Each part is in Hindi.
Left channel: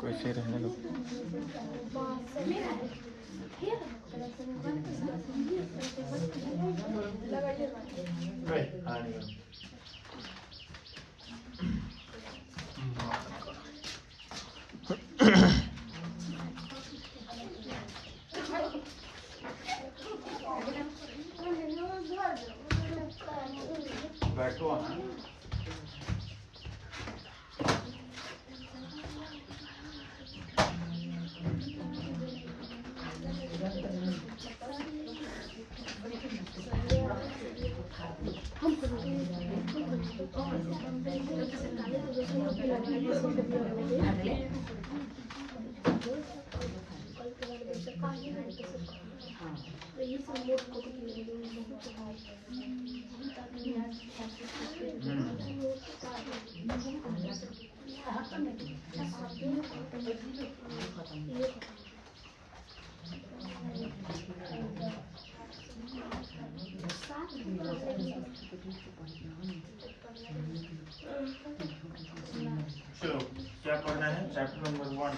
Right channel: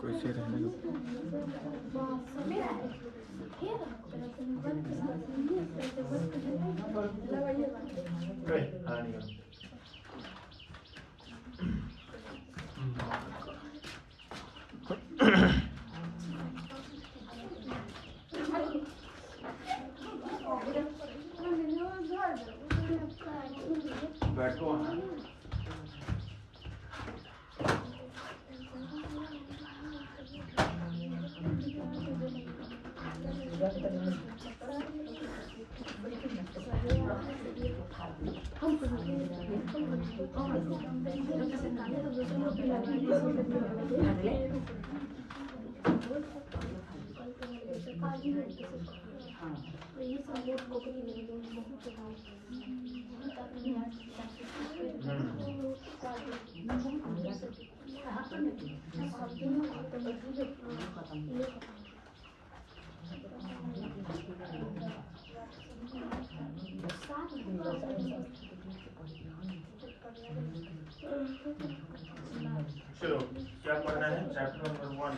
कैसे रहने लगे बैठो चलो क्या पढ़ना है? Chapter number 1।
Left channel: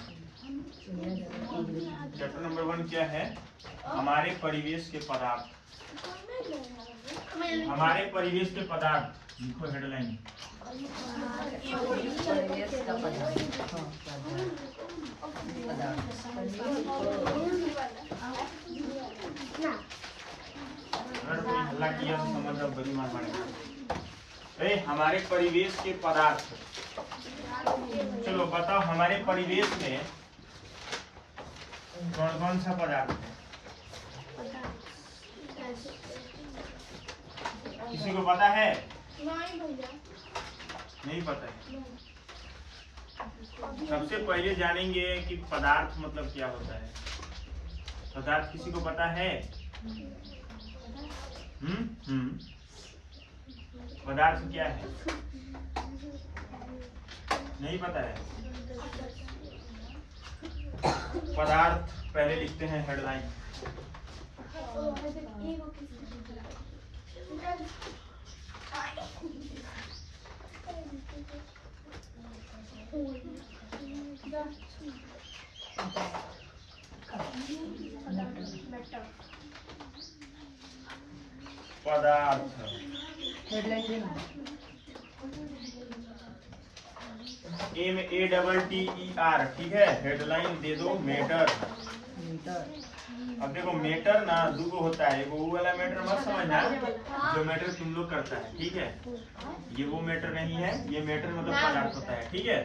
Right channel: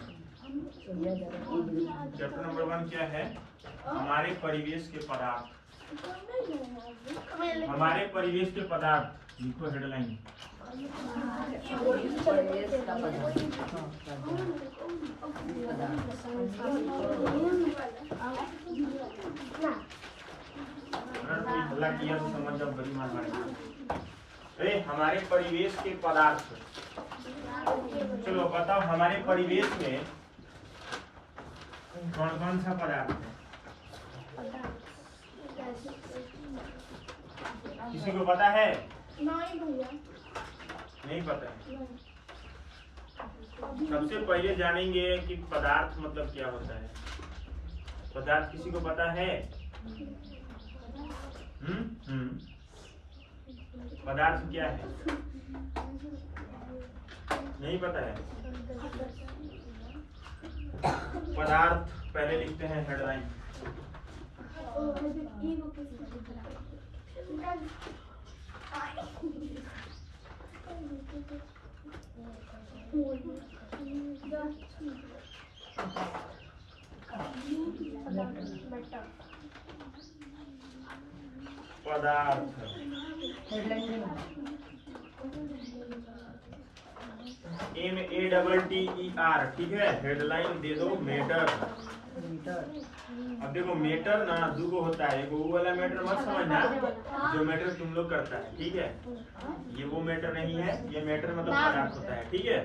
चैप्टर नंबर 1 क्या है? हमारे परिवेश के पदार्थ। हमारे परिवेश के पदार्थ लिखो हेडलाइन। हल्ला किया तो समझ लो बड़ी मार मारेगा। हमारे परिवेश के पदार्थ। चलो बताओ हमारे परिवेश में कौन कौन सा पदार्थ है? किसी को पता है? नहीं भैया, नहीं पता है। सबसे पहले जानेंगे कि पदार्थ मतलब क्या होता है। पदार्थ किसी को पता है? पदार्थ क्या है? नहीं पता है। पदार्थ पहले लिखते हैं हेडलाइन। पदार्थ MEATTER, ठीक है। हेडलाइन दे दो मैटर। अब देखो मैटर ना दो होता है। वो वाला मैटर मत समझना जो मैटर तुम लोग करता है, ठीक है। ये वो मैटर नहीं है। ये मैटर मतलब पदार्थ होता है, ठीक है।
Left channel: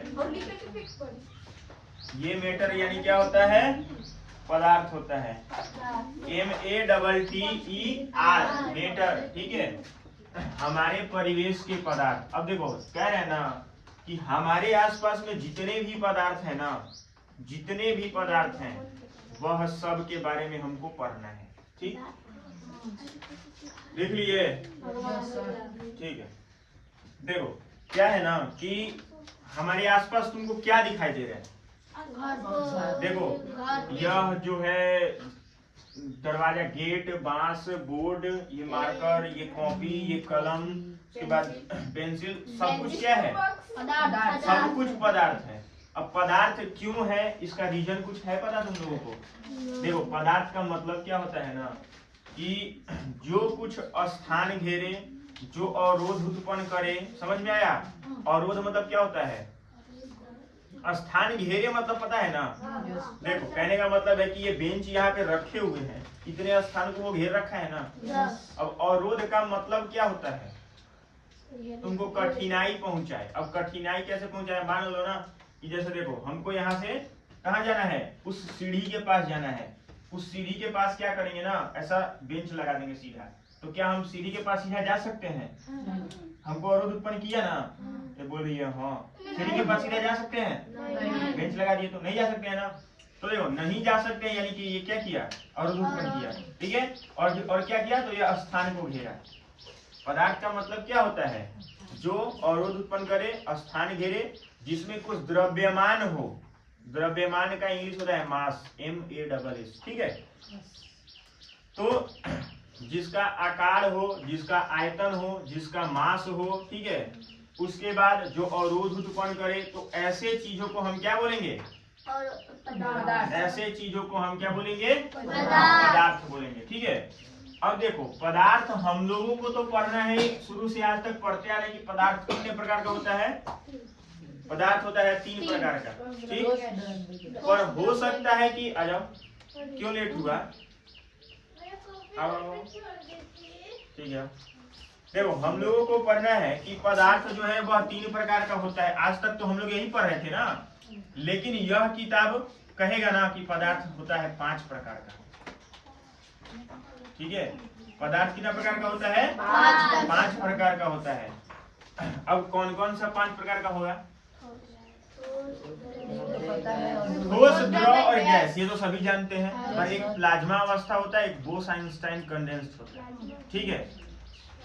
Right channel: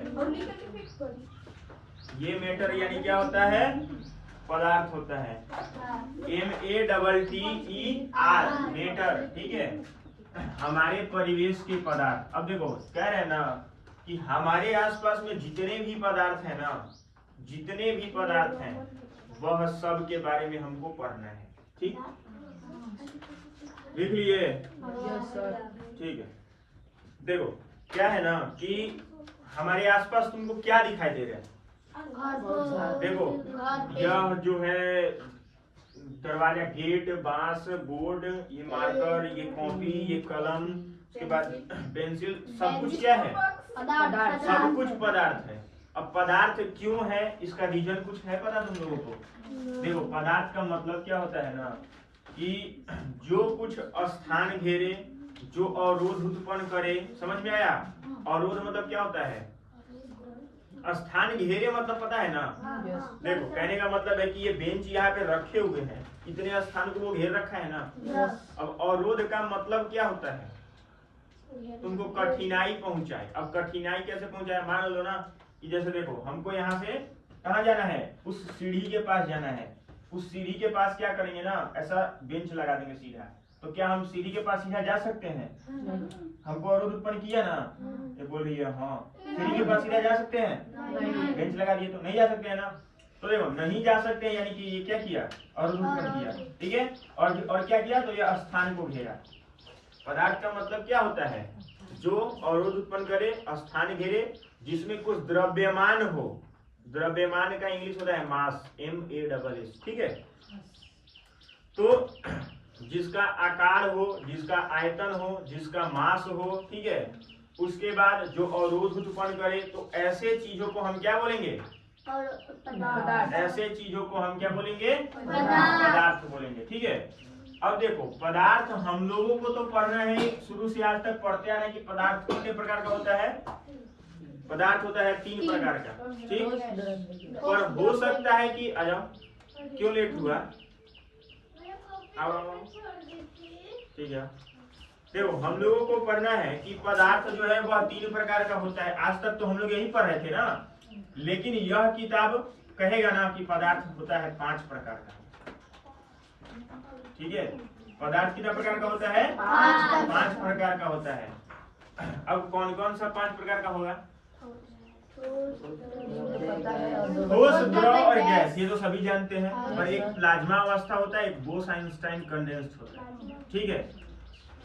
ये मैटर यानी क्या होता है? पदार्थ होता है। MEATTER मैटर, ठीक है। हमारे परिवेश के पदार्थ। अब देखो कह रहे हैं ना कि हमारे आसपास में जितने भी पदार्थ है ना, जितने भी पदार्थ हैं वह सब के बारे में हमको पढ़ना है, ठीक। लिख लिए? ठीक है। देखो क्या है ना कि हमारे आसपास तुमको क्या दिखाई दे रहा है? देखो यह जो है दरवाजा, गेट, बांस, बोर्ड, ये मार्कर, ये कॉपी, ये कलम, उसके बाद पेंसिल, सब कुछ क्या है? सब कुछ पदार्थ है। अब पदार्थ क्यों है इसका रीजन कुछ है पता तुम लोगों को? देखो पदार्थ का मतलब क्या होता है ना कि जो कुछ स्थान घेरे, जो अवरोध उत्पन्न करे। समझ में आया? अवरोध मतलब क्या होता है? स्थान घेरे मतलब पता है ना? देखो कहने का मतलब है कि ये बेंच यहाँ पे रखे हुए हैं, इतने स्थान को वो घेर रखा है ना। अब अवरोध का मतलब क्या होता है? तुमको कठिनाई पहुंचाए। अब कठिनाई कैसे पहुंचाए? मान लो ना कि जैसे देखो हमको यहाँ से कहाँ जाना है? उस सीढ़ी के पास जाना है। उस सीढ़ी के पास क्या करेंगे ना, ऐसा बेंच लगा देंगे सीधा। तो क्या हम सीढ़ी के पास सीधा जा सकते हैं? हमको अवरोध उत्पन्न किया ना, ये बोल रही है हाँ। सीढ़ी के पास सीधा जा सकते हैं? बेंच लगा दिए तो नहीं जा सकते हैं ना। तो देखो नहीं जा सकते यानी कि ये क्या किया, अवरोध उत्पन्न किया, ठीक है। और क्या किया, तो ये स्थान को घेरा। पदार्थ का मतलब क्या होता है, जो अवरोध उत्पन्न करे, स्थान घेरे, जिसमें कुछ द्रव्यमान हो। द्रव्यमान का इंग्लिश होता है मास, MASS, ठीक है। तो जिसका आकार हो, जिसका आयतन हो, जिसका मास हो, ठीक है, उसके बाद जो अवरोध उत्पन्न करे, तो ऐसे चीजों को हम क्या बोलेंगे, ऐसे चीजों को हम क्या बोलेंगे, पदार्थ बोलेंगे, ठीक है। अब देखो पदार्थ हम लोगों को तो पढ़ना है, शुरू से आज तक पढ़ते आ रहे हैं कि पदार्थ कितने प्रकार का होता है। पदार्थ होता है 3 प्रकार का, ठीक। पर हो सकता है कि आ जाओ, क्यों लेट हुआ, आओ, ठीक है। देखो हम लोगों को पढ़ना है कि पदार्थ जो है वह 3 प्रकार का होता है। आज तक तो हम लोग यही पढ़ रहे थे ना, लेकिन यह किताब कहेगा ना कि पदार्थ होता है 5 प्रकार का, ठीक है। पदार्थ कितना प्रकार का होता है, 5 प्रकार का होता है। अब कौन कौन सा 5 प्रकार का होगा, ठोस, द्रव और गैस, ये तो सभी जानते हैं। पर एक प्लाज्मा अवस्था होता है, एक बोस-आइंस्टाइन कंडेंस्ड होता है, ठीक है।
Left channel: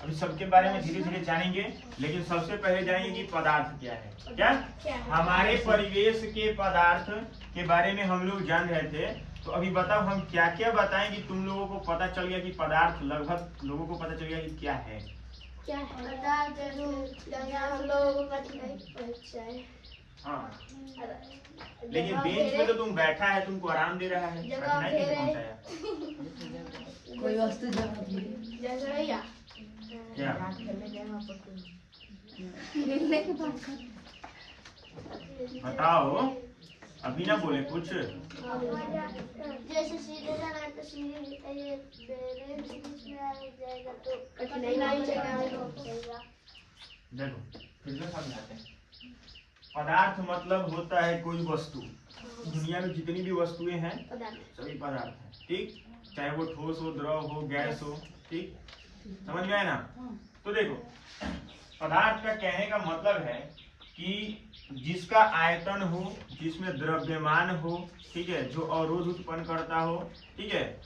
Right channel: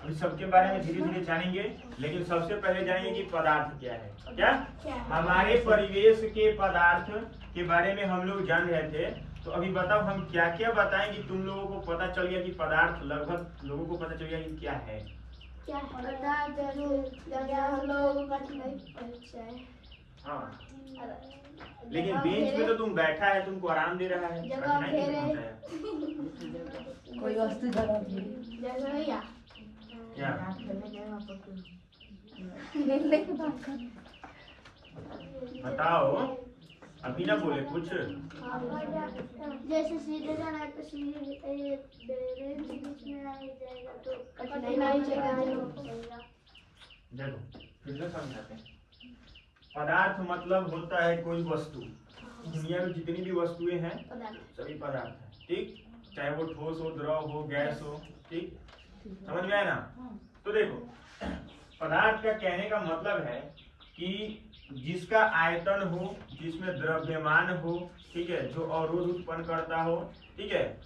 अभी सबके बारे में धीरे धीरे जानेंगे, लेकिन सबसे पहले जानेंगे कि पदार्थ क्या है। क्या हमारे परिवेश के पदार्थ के बारे में हम लोग जान रहे थे, तो अभी बताओ हम क्या क्या बताएं कि तुम लोगों को पता चल गया कि पदार्थ लगभग लोगों को पता चल गया कि क्या है। हाँ, लेकिन बेंच पे तो तुम बैठा है, तुमको आराम दे रहा है, कोई वस्तु क्या बताओ, अभी ना बोले कुछ। जैसे सीधे जाना है तो सीधे ये बीच में आ जाएगा तो कठिनाई होगा। देखो फिर से समझाते हैं। पदार्थ मतलब होता है कोई वस्तु, दुनिया में जितनी भी वस्तुएं हैं सभी पदार्थ हैं, ठीक। चाहे वो ठोस हो, द्रव हो, गैस हो, ठीक, समझ में आया ना। तो देखो पदार्थ का कहने का मतलब है कि जिसका आयतन हो, जिसमें द्रव्यमान हो, ठीक है, जो अवरोध उत्पन्न करता हो, ठीक है,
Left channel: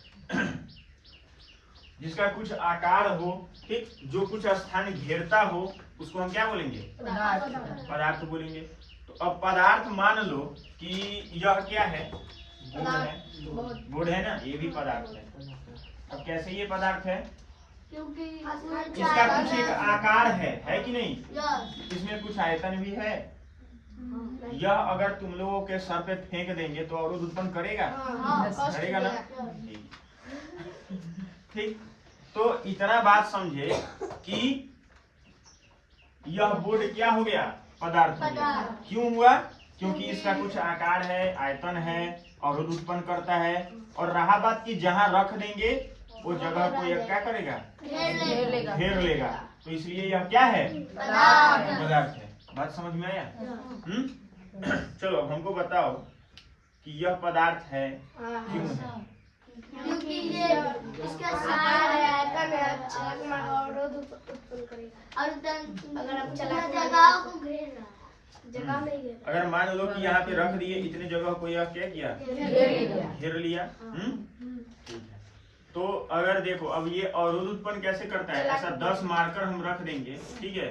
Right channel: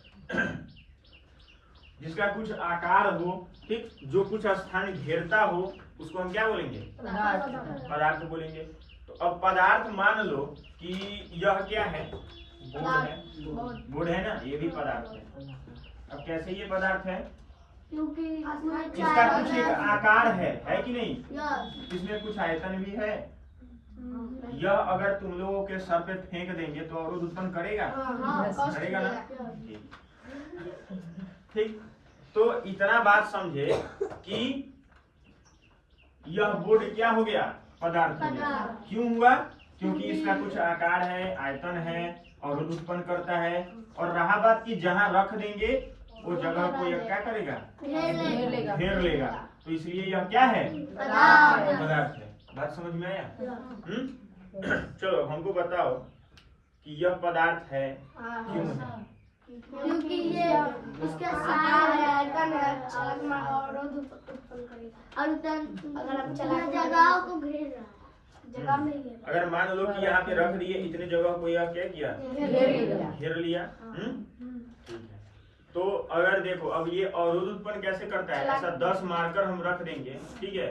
जिसका कुछ आकार हो, ठीक, जो कुछ स्थान घेरता हो, उसको हम क्या बोलेंगे, पदार्थ बोलेंगे। तो अब पदार्थ मान लो कि यह क्या है, बोर्ड है, बोर्ड है ना, ये भी पदार्थ है। अब कैसे ये पदार्थ है, क्योंकि इसका कुछ एक आकार है कि नहीं, इसमें कुछ आयतन भी है। यह अगर तुम लोगों के सर पे फेंक देंगे तो अवरोध उत्पन्न करेगा, करेगा ना, ठीक। तो इतना बात समझे कि यह बोर्ड क्या हो गया, पदार्थ हो गया। क्यों हुआ, क्योंकि इसका कुछ आकार है, आयतन है, अवरोध उत्पन्न करता है। और रहा बात कि जहाँ रख देंगे वो जगह को यह क्या करेगा, घेर लेगा। तो इसलिए यह क्या है, पदार्थ है। बात समझ में आया? चलो हमको बताओ कि यह पदार्थ है, क्यों है? क्योंकि ये इसका आकार है, आयतन है, अवरोध उत्पन्न करेगा। और अगर हम जगह को घेर रहा है, जगह में घेर। अगर मान लो कि यहाँ पे रख दिए, इतने जगह को यह क्या किया, घेर लिया, ठीक है। तो अगर देखो अब ये अवरोध उत्पन्न कैसे करता है, ऐसा 10 मार्कर हम रख देंगे, ठीक है,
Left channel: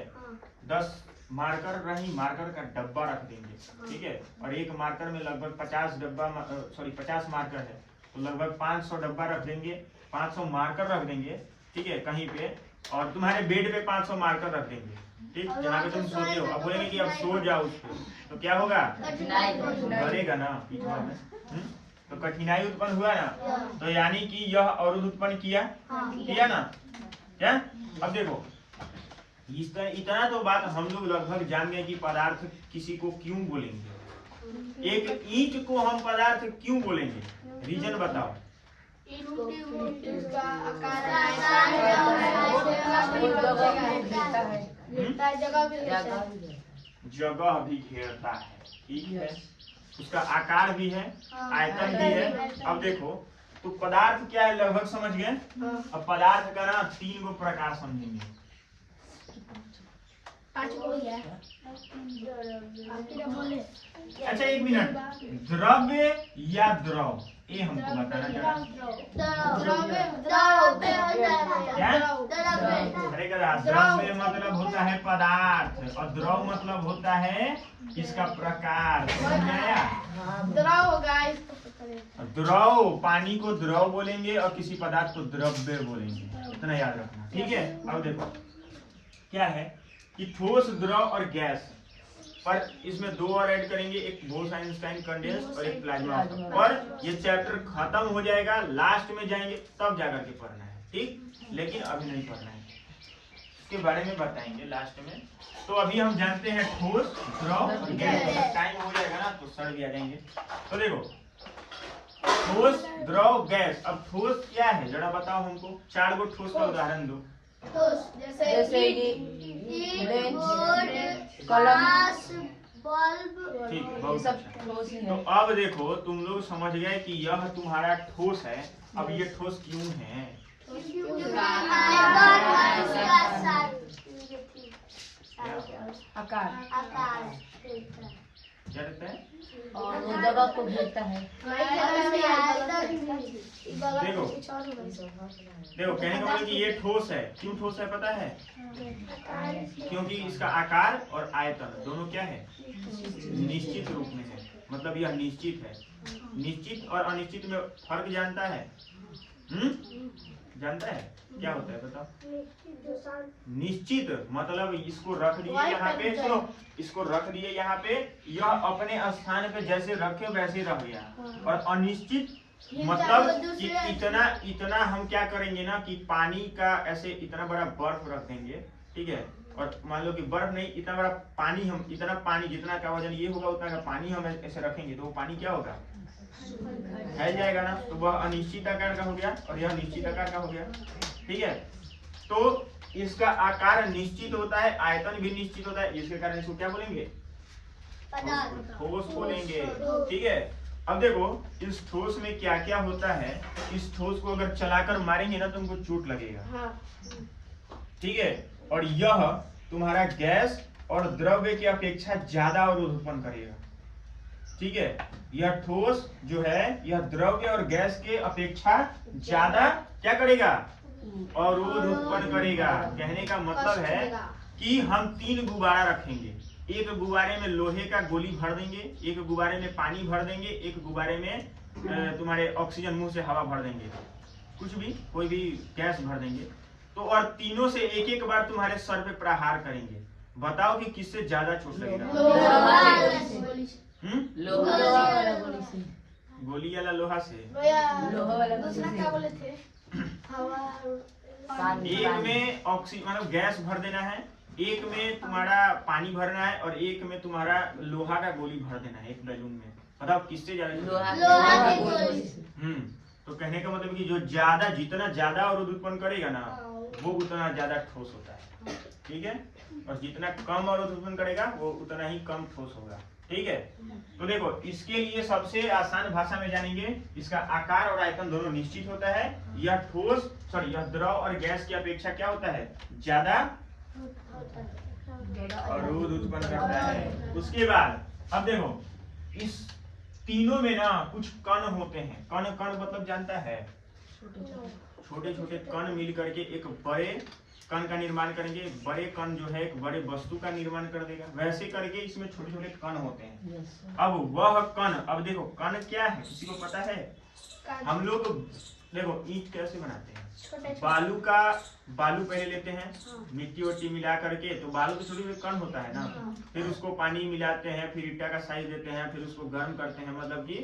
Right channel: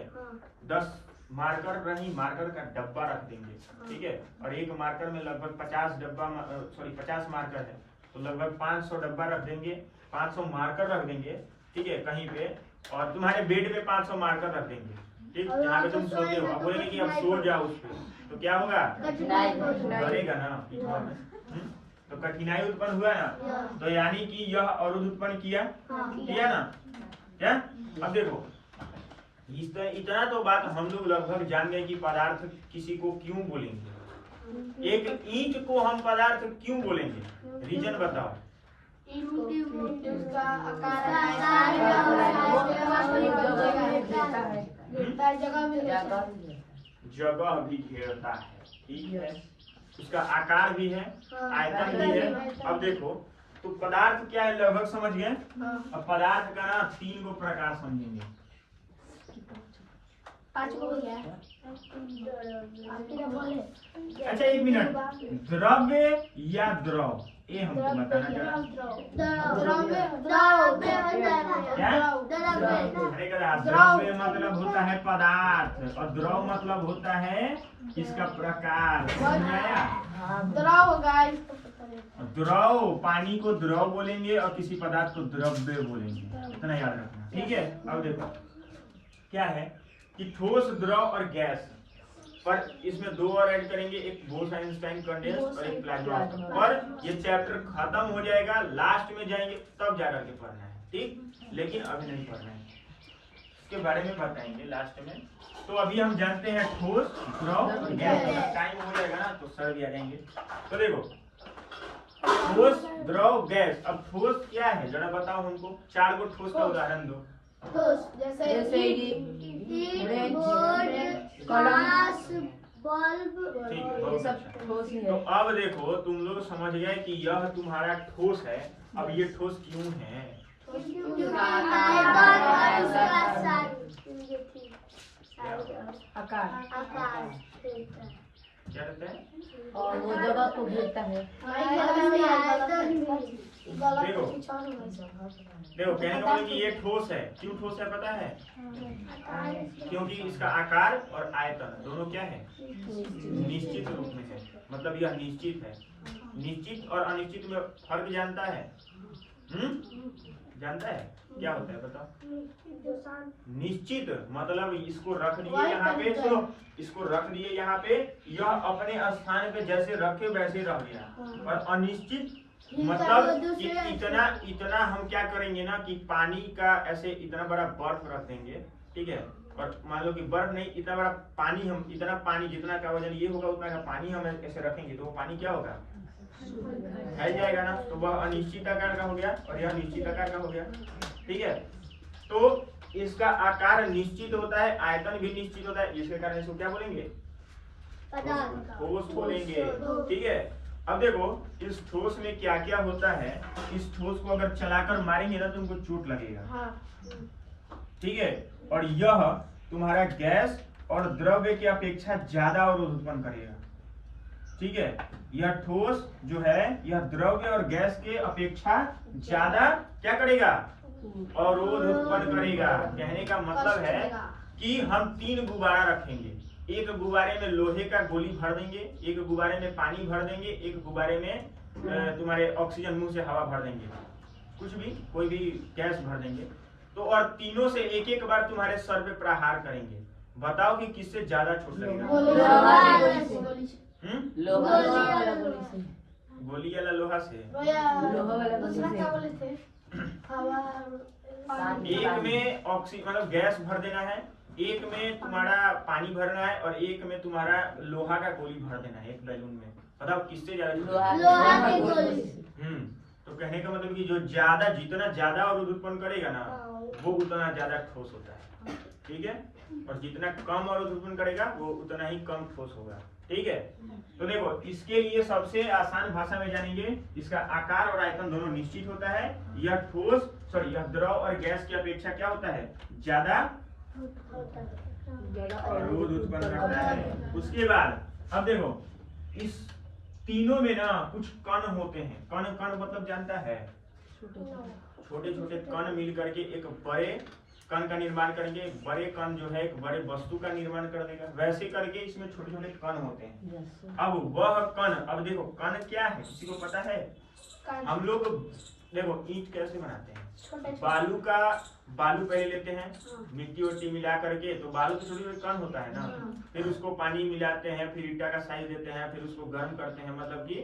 10 मार्कर नहीं, मार्कर का डब्बा रख देंगे, ठीक है। और एक मार्कर में लगभग 50 मार्कर है, तो लगभग 500 डब्बा रख देंगे, 500 मार्कर रख देंगे, ठीक है, कहीं पे। और तुम्हारे बेड पे 500 मार्कर रख देंगे, ठीक, जहाँ पे तुम सोते हो। अब बोलेंगे कि अब सो जाओ उस पे, तो क्या होगा, बढ़ेगा ना पीछा में, तो कठिनाई उत्पन्न हुआ ना। तो यानी कि यह अवरोध उत्पन्न किया ना, क्या। अब देखो इतना तो बात हम लोग लगभग जान गए कि पदार्थ किसी को क्यों बोलेंगे। एक ईंट को हम पदार्थ क्यों बोलेंगे, रीजन बताओ। जगह भी घेरता है, ठीक है, उसका आकार भी है, आयतन भी है। अब देखो तो पदार्थ क्या है लगभग समझ गए। अब पदार्थ का ना 3 प्रकार समझेंगे। 5 हो गया। अच्छा एक मिनट, द्रव्य या द्रव, ये हमको बताना जरा। अरे कदा द्रव्य मतलब होता है पदार्थ और द्रव मतलब होता है इसका प्रकार। समझ आया? द्रव, पानी को द्रव बोलेंगे और किसी पदार्थ को द्रव्य बोलेंगे, इतना याद रखना। ठीक है, अब देखो क्या है कि ठोस, द्रव और गैस, पर इसमें दो और ऐड करेंगे, एक बोस-आइंस्टाइन कंडेंस और एक प्लाज्मा। पर ये चैप्टर खत्म हो जाएगा, लास्ट में जाएंगे तब जाकर के पढ़ना है, ठीक? लेकिन अभी नहीं पढ़ना है, इसके बारे में बताएंगे लास्ट में। तो अभी हम जानते हैं ठोस, द्रव और गैस। टाइम हो जाएगा ना तो सर भी आ जाएंगे। तो देखो ठोस, द्रव, गैस। अब ठोस क्या है जरा बताओ हमको, 4 गो ठोस का उदाहरण दो। जैसे ईंट, बोर्ड, ग्लास, बल्ब, ठीक, ये बहुत सब अच्छा। ठोस ही तो है। अब देखो तुम लोग समझ गए कि यह तुम्हारा ठोस है। अब ये ठोस क्यों है? आकार क्या रहता है? और वो जगह को घेरता है। देखो देखो, कहने का मतलब कि ये ठोस है। क्यों ठोस है पता है? क्योंकि इसका आकार और आयतन दोनों क्या है? निश्चित रूप में है। मतलब यह निश्चित है। निश्चित और अनिश्चित में फर्क जानता है? जानता है? क्या होता है बताओ? निश्चित मतलब इसको रख दिए यहाँ पे, सुनो, इसको रख दिए यहाँ पे, यह अपने स्थान पे जैसे रखे वैसे रह गया। और अनिश्चित मतलब कि इतना हम क्या करेंगे ना कि पानी का ऐसे इतना बड़ा बर्फ रख देंगे, ठीक है? और मान लो कि बर्फ नहीं, इतना बड़ा पानी, हम इतना पानी जितना का वजन ये होगा उतना का पानी हम ऐसे रखेंगे तो वो पानी क्या होगा? फैल जाएगा ना। तो वह अनिश्चित आकार का हो गया और यह निश्चित आकार का हो गया, ठीक है? तो इसका आकार निश्चित होता है, आयतन भी निश्चित होता है, जिसके कारण इसको क्या बोलेंगे? ठोस बोलेंगे, ठीक है? अब देखो इस ठोस में क्या क्या होता है। इस ठोस को अगर चलाकर मारेंगे ना तुमको चोट लगेगा, ठीक है? और यह तुम्हारा गैस और द्रव्य की अपेक्षा ज्यादा अवरोध उत्पन्न करेगा, ठीक है? यह ठोस जो है यह द्रव्य और गैस के अपेक्षा ज्यादा क्या करेगा? अवरोध उत्पन्न करेगा। कहने का मतलब है कि हम 3 गुब्बारा रखेंगे, एक गुब्बारे में लोहे का गोली भर देंगे, एक गुब्बारे में पानी भर देंगे, एक गुब्बारे में तुम्हारे ऑक्सीजन मुंह से हवा भर देंगे, कुछ भी कोई भी गैस भर देंगे। तो और तीनों से एक एक बार तुम्हारे सर पे प्रहार करेंगे। बताओ कि किससे ज्यादा चोट लगेगा? गोली वाला लोहा से। एक में ऑक्सीजन मतलब गैस भर देना है, एक में तुम्हारा पानी भरना है और एक में तुम्हारा लोहा का गोली भर देना है एक बैलून में। बताओ किससे ज्यादा? तो कहने का मतलब कि जो ज्यादा, जितना ज्यादा अवरोध उत्पन्न करेगा ना वो उतना ज्यादा ठोस होता है, ठीक है? और जितना कम अवरोध उत्पन्न करेगा वो उतना ही कम ठोस होगा, ठीक है? तो देखो इसके लिए सबसे आसान भाषा में जानेंगे, इसका आकार और आयतन दोनों निश्चित होता है। यह ठोस यह द्रव और गैस की अपेक्षा क्या होता है? ज्यादा अवरोध उत्पन्न करता है। उसके बाद अब देखो इस तीनों में ना कुछ कण होते हैं। कण मतलब जानता है? छोटे छोटे कण मिल करके एक बड़े कण का निर्माण करेंगे। बड़े कण जो है एक बड़े वस्तु का निर्माण कर देगा। वैसे करके इसमें छोटे छोटे कण होते हैं। अब वह कण, अब देखो कण क्या है किसी को पता है? हम लोग देखो ईंट कैसे बनाते हैं? बालू पहले लेते हैं, मिट्टी वट्टी मिला करके, तो बालू के छोटे छोटे कण होता है ना, फिर उसको पानी मिलाते हैं, फिर ईटा का साइज देते हैं, फिर उसको गर्म करते हैं, मतलब कि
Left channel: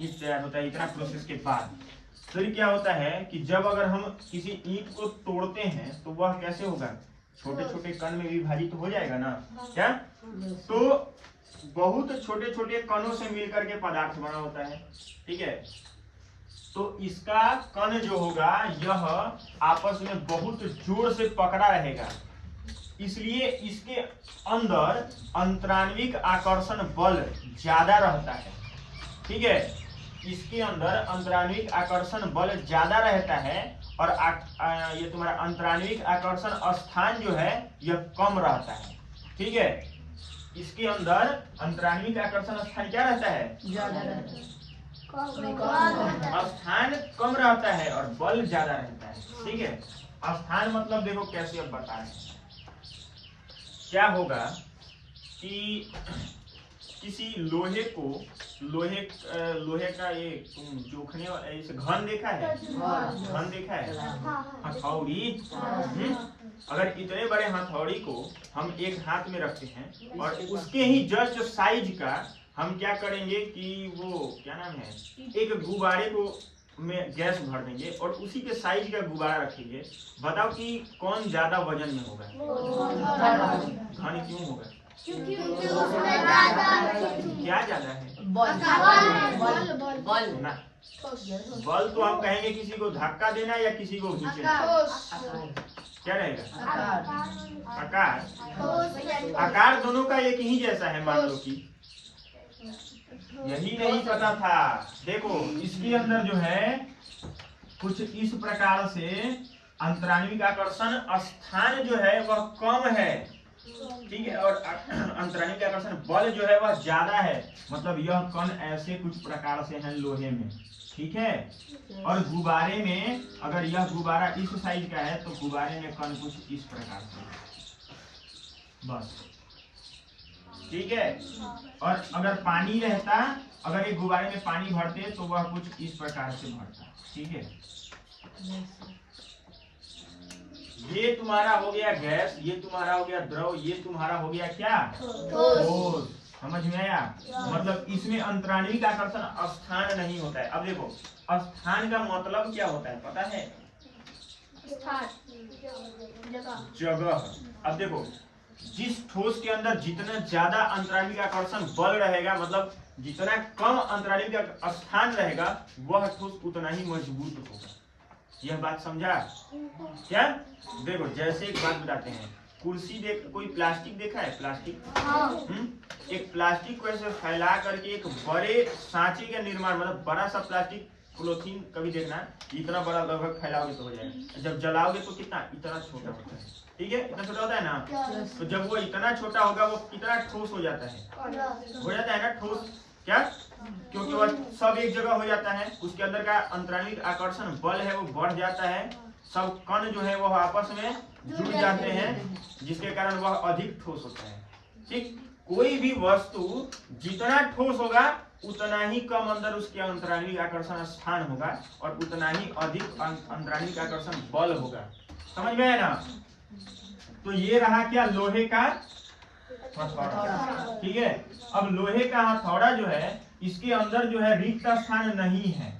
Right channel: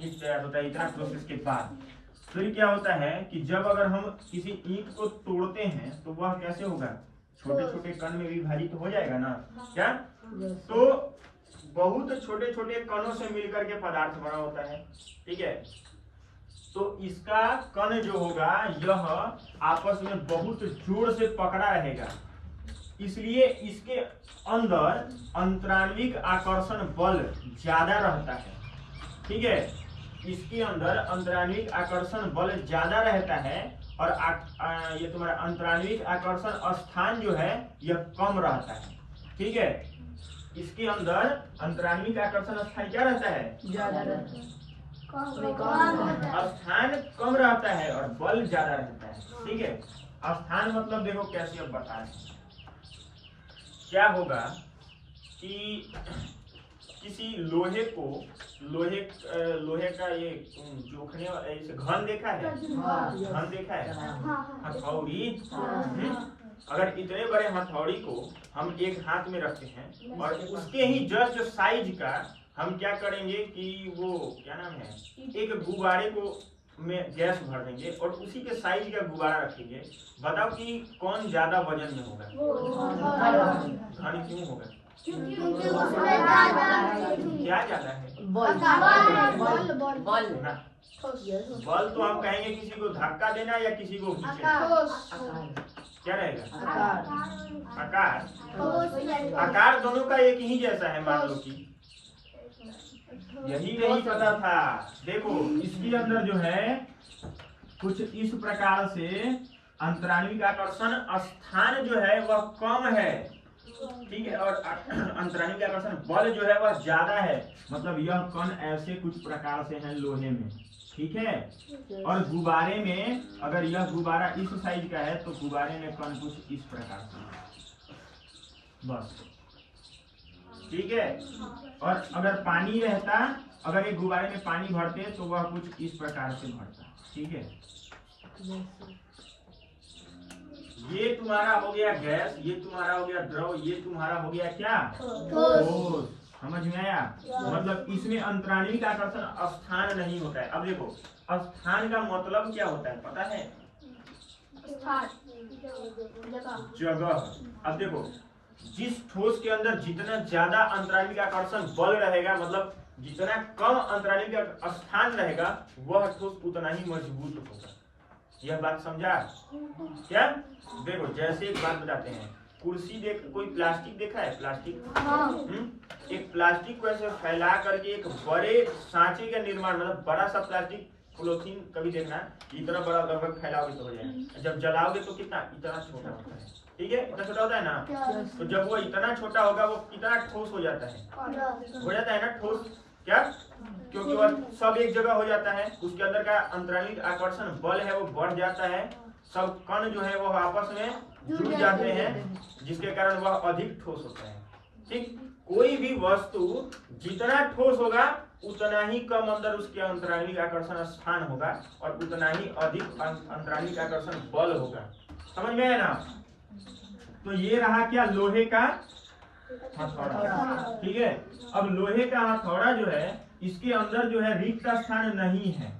ईंट तैयार होता है। इतना प्रोसेस के बाद फिर क्या होता है कि जब अगर हम किसी ईंट को तोड़ते हैं तो वह कैसे होगा? छोटे छोटे कण में विभाजित हो जाएगा ना, क्या? तो बहुत छोटे छोटे कणों से मिलकर के पदार्थ बना होता है, ठीक है? तो इसका कण जो होगा यह आपस में बहुत जोर से पकड़ा रहेगा, इसलिए इसके अंदर अंतराण्विक आकर्षण बल ज्यादा रहता है, ठीक है? इसके अंदर अंतराण्विक आकर्षण बल ज्यादा रहता है और ये तुम्हारा अंतराण्विक आकर्षण स्थान जो है यह कम रहता है, ठीक है, इसके अंदर अंतराणु का आकर्षण स्थान क्या रहता है? ज्यादा रहता है। स्थान कम रहता है और बल ज्यादा रहता है। ठीक है, स्थान मतलब देखो कैसे अब बता रहे हैं। क्या होगा कि किसी लोहे को लोहे का ये जोखने ऐसे घन देखा है? घन देखा है, हथौड़ी। अगर इतने बड़े हथौड़ी को हम एक हाथ में रखते हैं और उसके ही जस्ट साइज का हम क्या करेंगे कि वो क्या नाम है, एक गुब्बारे को में गैस भर देंगे और उसी के साइज का गुब्बारा रखेंगे। बताओ कि कौन ज्यादा वजन में होगा? घन क्यों होगा? क्योंकि उसमें ज्यादा क्या ज्यादा है? बल ना, बल तो हम कहेंगे किसी को धक्का देना या किसी को खींचना। क्या रहेगा? आकार। आकार दोनों का एक ही जैसा है, मान लो कि यही नहीं पता था। देखो इसके अंदर जो है कुछ इस प्रकार से अंतराणु आकर्षण स्थान जो है वह कम है। ठीक है, और अंतराणु आकर्षण बल जो है वह ज्यादा है। मतलब यह कण ऐसे कुछ प्रकार से है लोहे में। ठीक है, और गुब्बारे में अगर यह गुब्बारा इस साइज का है तो गुब्बारे में कण कुछ इस प्रकार से, बस। ठीक है, और अगर पानी रहता, अगर एक गुब्बारे में पानी भरते तो वह कुछ इस प्रकार से भरता। ठीक है, ये तुम्हारा हो गया गैस, ये तुम्हारा हो गया द्रव, ये तुम्हारा हो गया क्या? ठोस। समझ में आया? मतलब इसमें अंतराणु का आकर्षण स्थान नहीं होता है। अब देखो स्थान का मतलब क्या होता है पता है? जगह। अब देखो जिस ठोस के अंदर जितना ज्यादा अंतराणु का आकर्षण बल रहेगा, मतलब जितना कम अंतराणु का स्थान रहेगा, वह ठोस उतना ही मजबूत होगा। यह बात समझा क्या? देखो जैसे एक बात बताते हैं, कुर्सी देख, कोई प्लास्टिक देखा है? प्लास्टिक एक प्लास्टिक को ऐसे फैला करके एक बड़े सांचे का निर्माण, मतलब बड़ा सा प्लास्टिक पॉलीथीन कभी देखना, इतना बड़ा लगभग फैलाओगे तो हो जाएगा। जब जलाओगे तो कितना, इतना छोटा होता है। ठीक है, इतना छोटा होता है ना, तो जब वो इतना छोटा होगा वो कितना ठोस हो जाता है? हो जाता है ना ठोस। क्या? क्योंकि वह सब एक जगह हो जाता है, उसके अंदर का अंतराणु आकर्षण बल है वो बढ़ जाता है, सब कण जो है वो आपस में जुड़ जाते हैं, जिसके कारण वह अधिक ठोस होता है। ठीक, कोई भी वस्तु जितना ठोस होगा उतना ही कम अंदर उसके अंतराणु आकर्षण स्थान होगा और उतना ही अधिक अंतराणु आकर्षण बल होगा। समझ में है ना? तो ये रहा क्या? लोहे का हथौड़ा। ठीक है, अब लोहे का हथौड़ा जो है इसके अंदर जो है रिक्त स्थान नहीं है,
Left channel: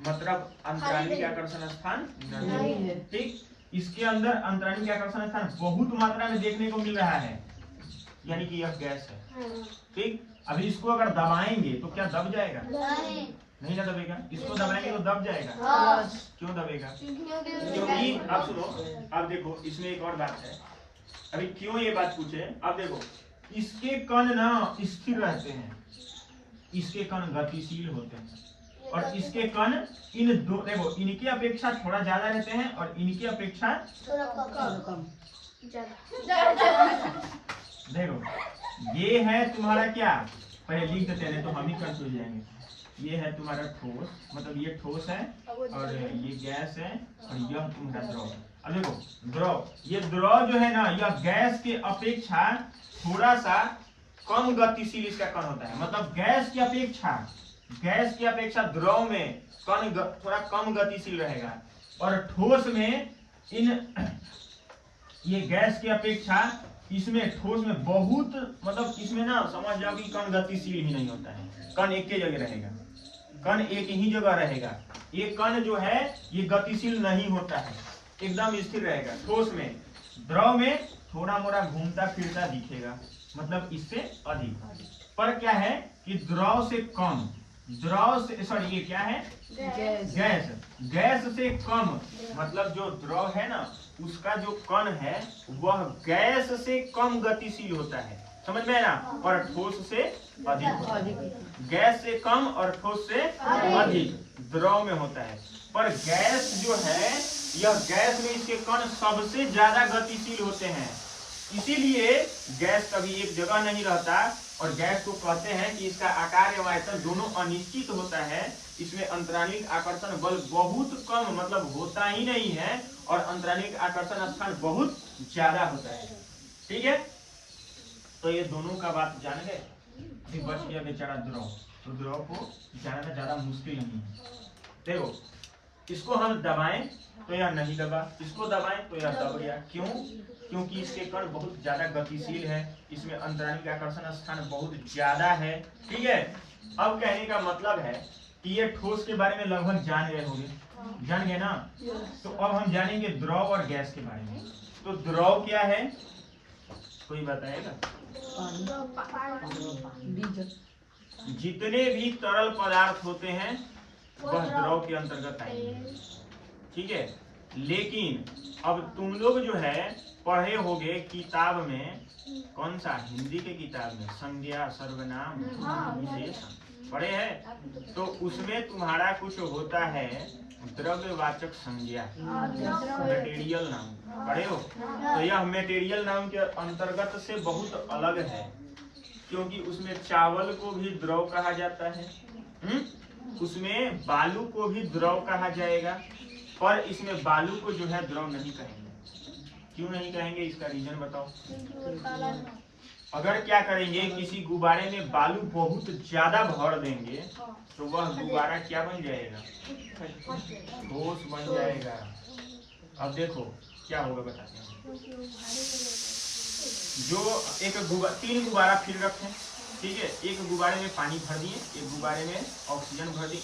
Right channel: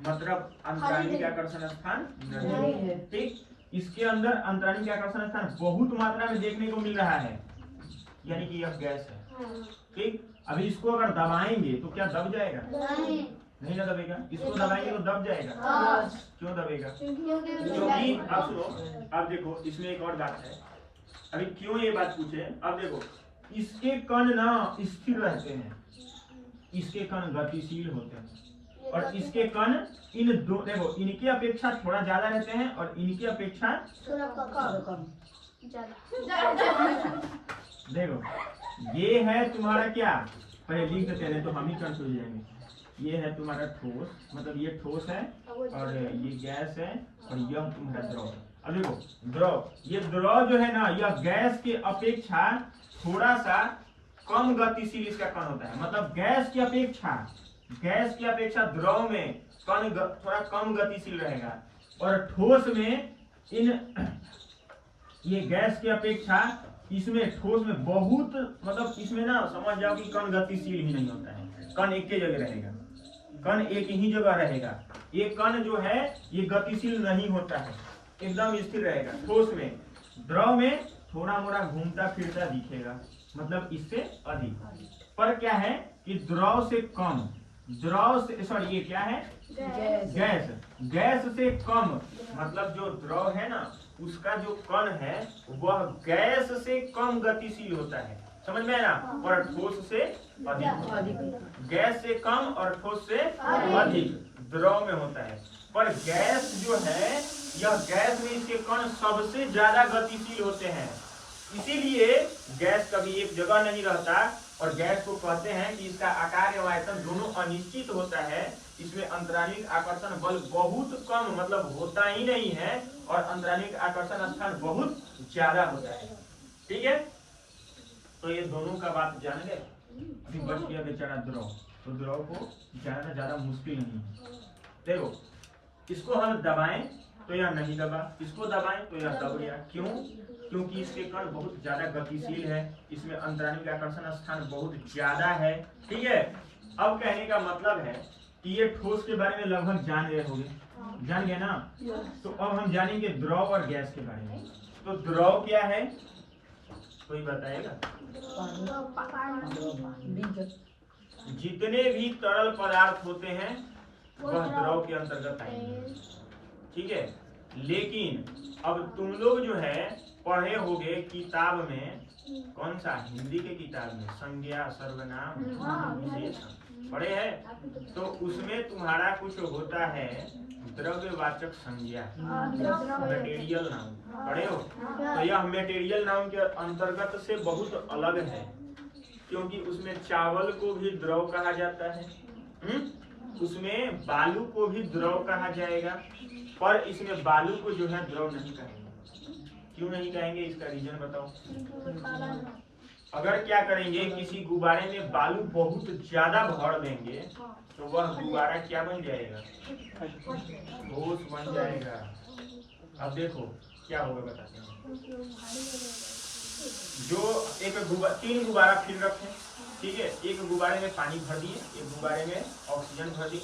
मतलब अंतराणु आकर्षण स्थान नहीं है। ठीक, इसके अंदर अंतराणु आकर्षण स्थान बहुत मात्रा में देखने को मिल रहा है, यानी कि यह गैस है। ठीक, अभी इसको अगर दबाएंगे तो क्या दब जाएगा? नहीं ना दबेगा। इसको दबाएंगे तो दब जाएगा। क्यों दबेगा? क्योंकि अब सुनो, अब देखो इसमें एक और बात है। अभी क्यों ये बात पूछे? अब देखो इसके कण ना स्थिर रहते हैं, इसके कण गतिशील होते हैं, और इसके कण इन दो, देखो इनकी अपेक्षा थोड़ा ज्यादा रहते हैं और इनकी अपेक्षा थोड़ा कम। देखो ये है तुम्हारा क्या, पहले लिख देते हैं तो हम ही कंफ्यूज जाएंगे। ये है तुम्हारा ठोस, मतलब ये ठोस है और ये गैस है और यह तुम्हारा द्रव है। अब देखो द्रव, ये द्रव जो है ना यह गैस के अपेक्षा थोड़ा सा कम गतिशील इसका कण होता है। मतलब गैस की अपेक्षा द्रव में कण थोड़ा कम गतिशील रहेगा और ठोस में ये गैस की अपेक्षा इसमें ठोस में बहुत, मतलब इसमें ना समझ जाओ कि कण गतिशील ही नहीं होता है, कण एक ही जगह रहेगा, कण एक ही जगह रहेगा। ये कण जो है ये गतिशील नहीं होता है, एकदम स्थिर रहेगा ठोस में। द्रव में थोड़ा मोड़ा घूमता फिरता दिखेगा, मतलब इससे अधिक। पर क्या है कि द्रव से कम, द्रव से, सॉरी ये क्या है? गैस से कम, मतलब जो द्रव है ना उसका जो कण है वह गैस से कम गतिशील होता है। समझ में है ना? और ठोस से अधिक। गैस से कम और ठोस से अधिक द्रव में होता है। पर गैस जो है, यह गैस में इसके कण सबसे ज्यादा गतिशील होते हैं। इसीलिए गैस कभी एक जगह नहीं रहता और गैस को कहते हैं कि इसका आकार एवं आयतन दोनों अनिश्चित होता है। इसमें अंतरालिक आकर्षण बल बहुत कम मतलब होता ही नहीं है और अंतरालिक आकर्षण स्थान बहुत ज्यादा होता है। ठीक है, तो ये दोनों का बात जान गए। अभी बच गया बेचारा द्रव, तो द्रव को जानना ज्यादा मुश्किल नहीं है। देखो इसको हम दबाएं तो यह नहीं दबा, इसको दबाएं तो यह दब गया। क्यों? क्योंकि इसके कण बहुत ज्यादा गतिशील है, इसमें अंतरालिक आकर्षण स्थान बहुत ज्यादा है। ठीक है, अब कहने का मतलब है कि ये ठोस के बारे में लगभग जान गए होंगे, जान गए ना। तो अब हम जानेंगे द्रव और गैस के बारे में। तो द्रव क्या है, कोई बताएगा? जितने भी तरल पदार्थ होते हैं वह द्रव के अंतर्गत आएंगे। ठीक है, लेकिन अब तुम लोग जो है पढ़े होगे किताब में, कौन सा? हिंदी के किताब में संज्ञा सर्वनाम विशेषण पढ़े हैं। तो उसमें तुम्हारा कुछ होता है द्रव्यवाचक संज्ञा, मटेरियल नाउन पढ़े हो। तो यह मटेरियल नाउन के अंतर्गत से बहुत अलग है, क्योंकि उसमें चावल को भी द्रव कहा जाता है, उसमें बालू को भी द्रव कहा जाएगा, पर इसमें बालू को जो है द्रव नहीं कहेंगे। क्यों नहीं कहेंगे, इसका रीजन बताओ। अगर क्या करेंगे, किसी गुब्बारे में बालू बहुत ज्यादा भर देंगे तो वह गुब्बारा क्या बन जाएगा? ठोस बन जाएगा। अब देखो क्या होगा, बताते हैं। जो तीन गुब्बारा फिर रखें, ठीक है, एक गुब्बारे में पानी भर दिए, एक गुब्बारे में ऑक्सीजन भर दिए,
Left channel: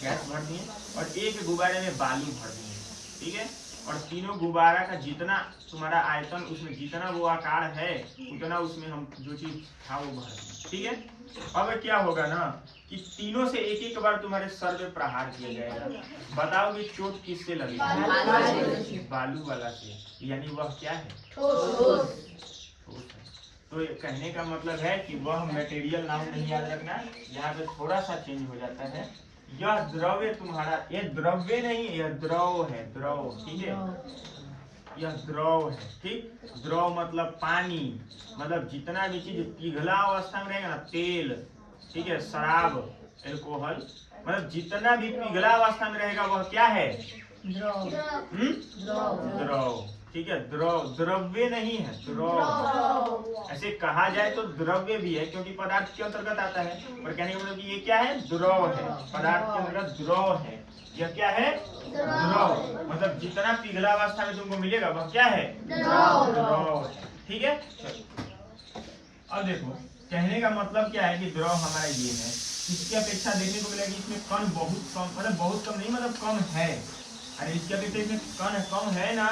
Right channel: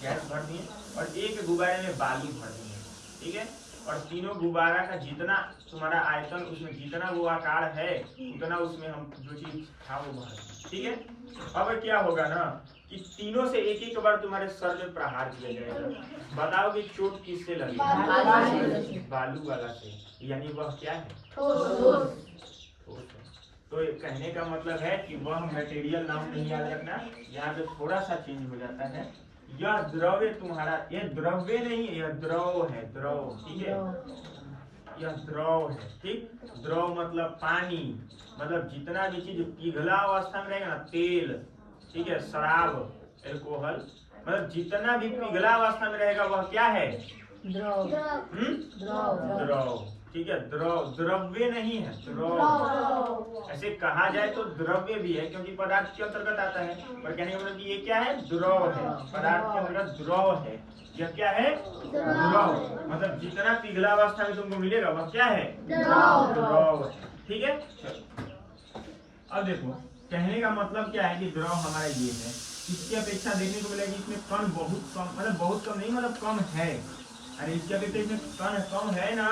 गैस भर दिए, और एक गुब्बारे में बालू भर दिए। ठीक है, और तीनों गुब्बारा का जितना तुम्हारा आयतन, उसमें जितना वो आकार है उतना उसमें हम जो चीज था वो भर दिए। ठीक है, अब क्या होगा ना कि तीनों से एक एक बार तुम्हारे सर में प्रहार किया जाएगा। बताओगे चोट किससे लगी? बालू वाला से, यानी वह क्या है? ठोस है। तो कहने का मतलब है कि वह मटेरियल नाम नहीं याद रखना, यहाँ पे थोड़ा सा चेंज हो जाता है। यह द्रव्य तुम्हारा, ये द्रव्य नहीं, यह द्रव है, द्रव। ठीक है, यह द्रव है। ठीक, द्रव मतलब पानी, मतलब जितना भी चीज पिघला अवस्था में रहेगा ना, तेल, ठीक है, शराब, एल्कोहल, मतलब जितना भी पिघला अवस्था में रहेगा वह क्या है? द्रव। द्रव। ठीक है, द्रव, द्रव्य नहीं है, द्रव। ऐसे कहा जाए तो द्रव्य भी है क्योंकि पदार्थ के अंतर्गत आता है, पर कहने का मतलब ये क्या है? द्रव है, पदार्थ के अंतर्गत द्रव है। यह क्या है? द्रव। मतलब जितना पिघला अवस्था में तुमको मिलेगा वह क्या है? द्रव है। ठीक है, अब देखो कहने का मतलब क्या है कि द्रव हमारा ये है। इसकी अपेक्षा देखने को मिलेगा इसमें कण बहुत कम, मतलब बहुत कम नहीं, मतलब कम है। अरे इसकी अपेक्षा इसमें कण कम है ना,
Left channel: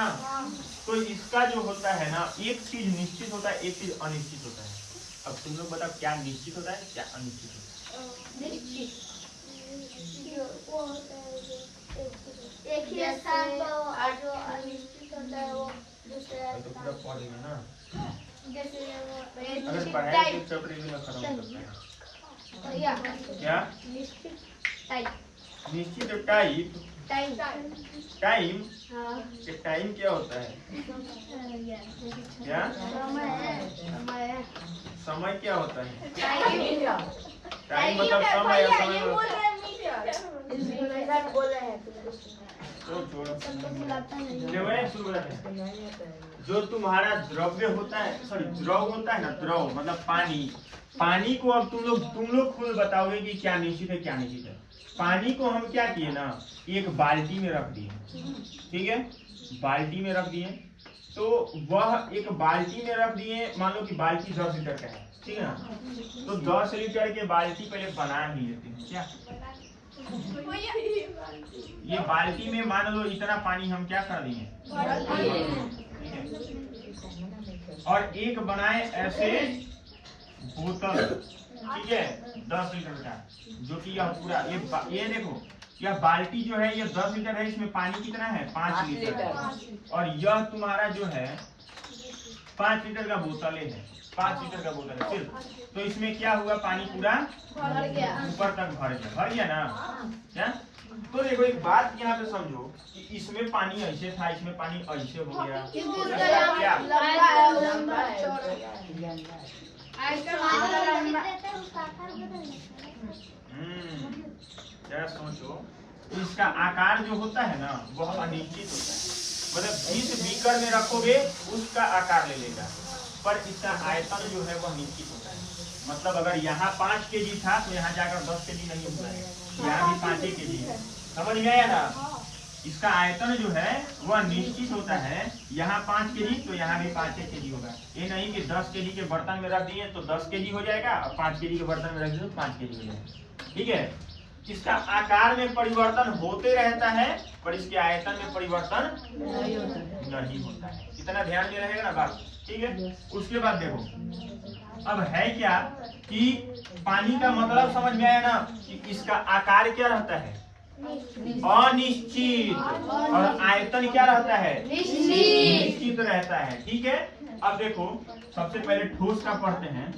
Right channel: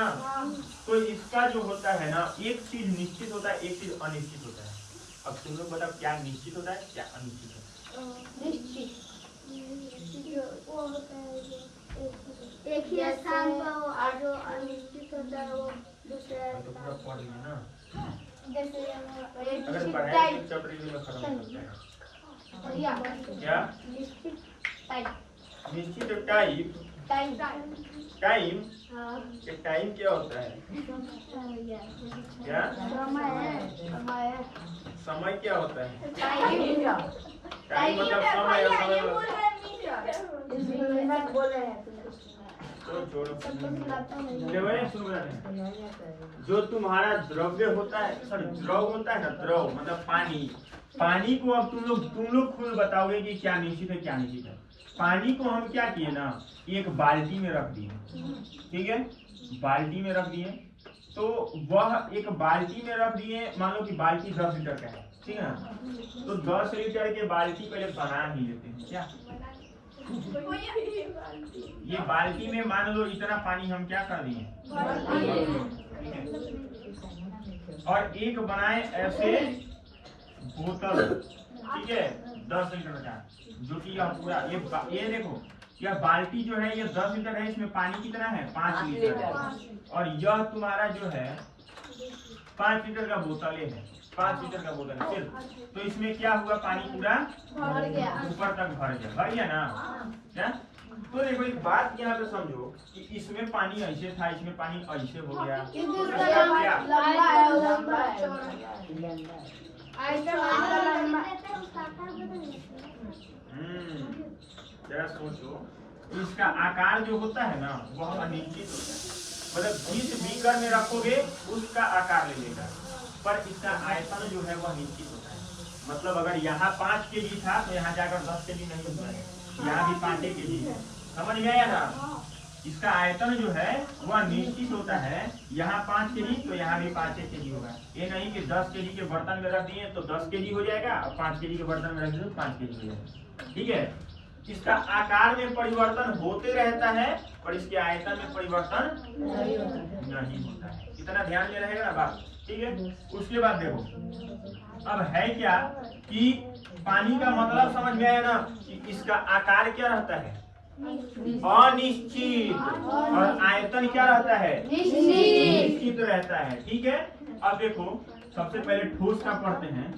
तो इसका जो होता है ना, एक चीज निश्चित होता है, एक चीज अनिश्चित होता है। अब तुम लोग बताओ क्या निश्चित होता है, क्या अनिश्चित होता है? एक ही स्थान पर हो, और जो अनिश्चित होता है वो दूसरे। तो पूरा पढ़ लेंगे ना, जैसे अगर पढ़ाई तो चैप्टर में खत्म करते हैं। क्या निश्चित टाइप? टाइम, टाइम क्या होता है? क्या समय क्या होता है? टाइम मतलब समय, या समय जो तुम्हारा द्रव्य होता है, सॉरी द्रव होता है ना, द्रव मतलब पानी। पानी को अब तुम लोग खुद बताओगे कि क्या निश्चित है क्या निश्चित है। पानी को हम क्या किए ना, एक बाल्टी में रख दिए। ठीक है, बाल्टी में रख दिए, तो वह एक बाल्टी में रख दिए, मान लो कि बाल्टी 10 लीटर का है, ठीक है ना, तो 10 लीटर के बाल्टी पहले बना ही लेते हैं। क्या ये बाल्टी में मान लो इतना पानी हम क्या कर दिए, और एक बनाए ऐसे बोतल, ठीक है, 10 लीटर का, जो कि यह पूरा ये देखो, यह बाल्टी जो है ये 10 लीटर है, इसमें पानी कितना है? 5 लीटर। और यह तुम्हारा जो है 5 लीटर का बोतल है, 5 लीटर का बोतल है सिर्फ। तो इसमें क्या हुआ, पानी पूरा ऊपर तक भर गया ना। क्या तो देखो एक बात यहाँ पे समझो कि इसमें पानी ऐसे था, इसमें पानी ऐसे हो गया, जरा सोचो, इसका आकार जो होता है ना वह अनिश्चित होता है, मतलब जिस बीकर में रखोगे उसका आकार ले लेगा, पर इसका आयतन जो है वह निश्चित होता है। मतलब अगर यहाँ 5 kg था तो यहाँ जाकर 10 kg नहीं हुआ है, यहाँ भी 5 kg है। समझ में आया ना? इसका आयतन जो है वह निश्चित होता है, यहाँ 5 kg तो यहाँ भी 5 kg होगा। ये नहीं कि 10 kg के बर्तन में रख दिए तो 10 kg हो जाएगा और 5 kg के बर्तन में रख दिए तो 5 kg हो जाएगा। ठीक है, इसका आकार में परिवर्तन होते रहता है पर इसके आयतन में परिवर्तन नहीं होता है। इतना ध्यान में रहेगा ना बात। ठीक है, उसके बाद देखो अब है क्या कि पानी का मतलब समझ में आया ना कि इसका आकार क्या रहता है? अनिश्चित, और आयतन क्या रहता है? निश्चित रहता है। ठीक है, अब देखो सबसे पहले ठोस का पढ़ते हैं।